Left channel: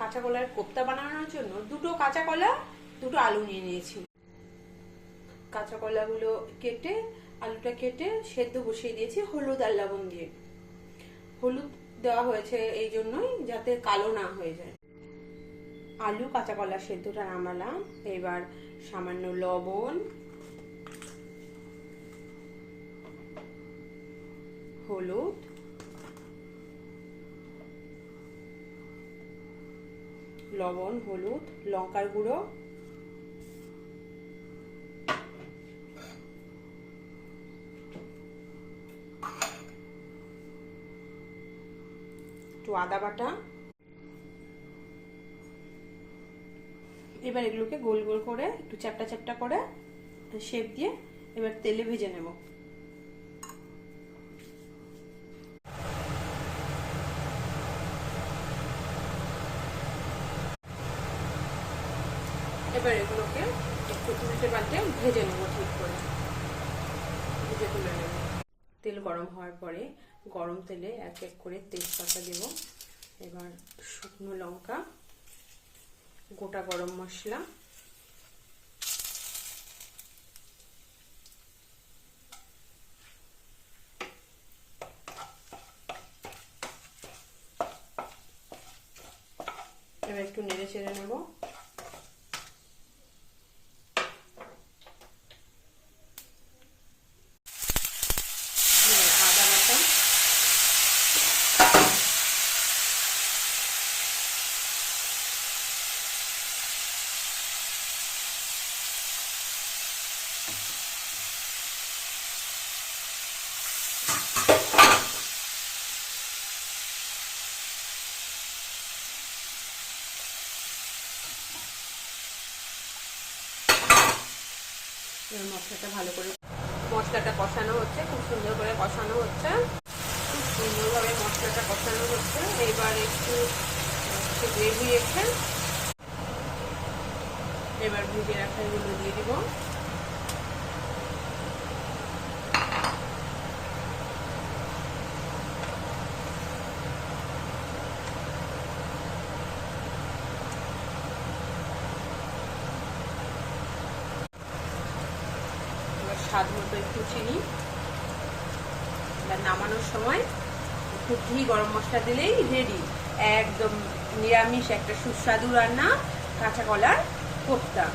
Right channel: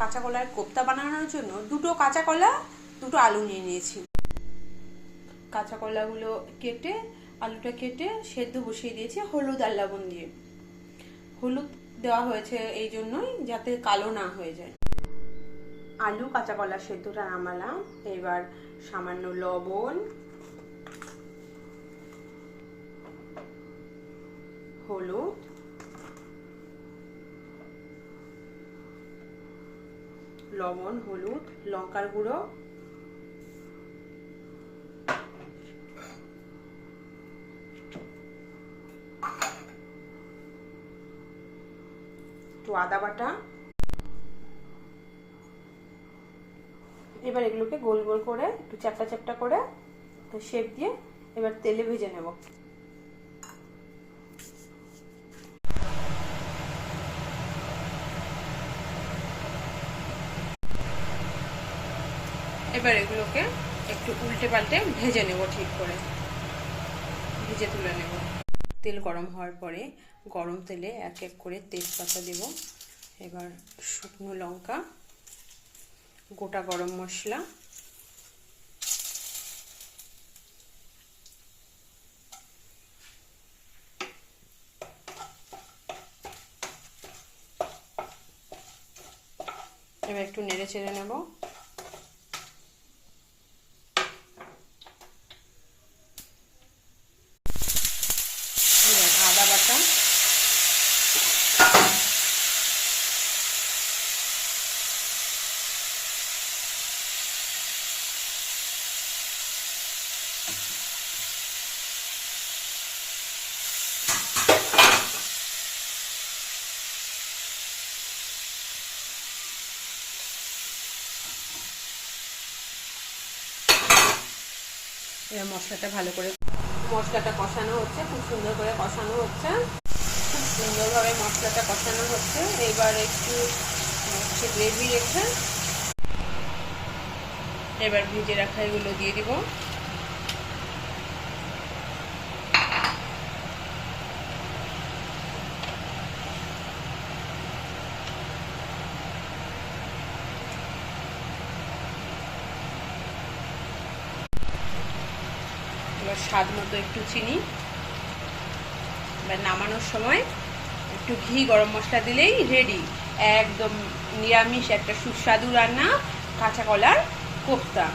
কাঁচা কলার কোপ্তা বানানোর জন্য দুটো কাঁচা কলা, দুটো আলু নিয়ে নিয়েছি। কাঁচা কলাগুলো কেটে, আলুটা কেটে সেদ্ধ বসিয়ে দিয়েছি হলুদ আর লবণ দিয়ে। হলুদ দেওয়া হয়েছে এই জন্যই যাতে কালো না হয়ে যায়। আলু কাঁচা কলা সেদ্ধটা নামালাম। এবার সামান্য লবণ, হলুদ, লবণ, হলুদ, লঙ্কার গুঁড়ো, একটু আদা বাটা। এবার এগুলোকে গোল গোল করে একটু চ্যাপটা চ্যাপটা করে শেপ দিয়ে এবার তেলে ভেজে নেব। এবার এগুলোকে একটু উল্টে পাল্টে ভেজে নেব, ঠিক করে ভেজে তুলে নেব। তেল গরম হওয়ার পরে গরম তেলে এক এক করে তেজপাতা দেব। এবার শুকনো লঙ্কা, গোটা গরম মশলা, এবার একটু নেড়ে চেড়ে নেব। আদা বাটা, এবার মশলাটা ভালো করে কষানো হচ্ছে, খুব সুন্দর করে কষানো হচ্ছে, খুব সুন্দরভাবে মশলাটা কষানো হচ্ছে। এবার একটু গ্রেভি রেখে এবার ভেজে রাখা এগুলো দিয়ে দিব। স্বাদ মতো একটু চিনি। এবার নামানোর সময় একটু ঘি, গরম মশলা দিলেই রেডি একদম নিরামিষ একটা সুস্বাদু রান্না, কাঁচা কলার কোপ্তা।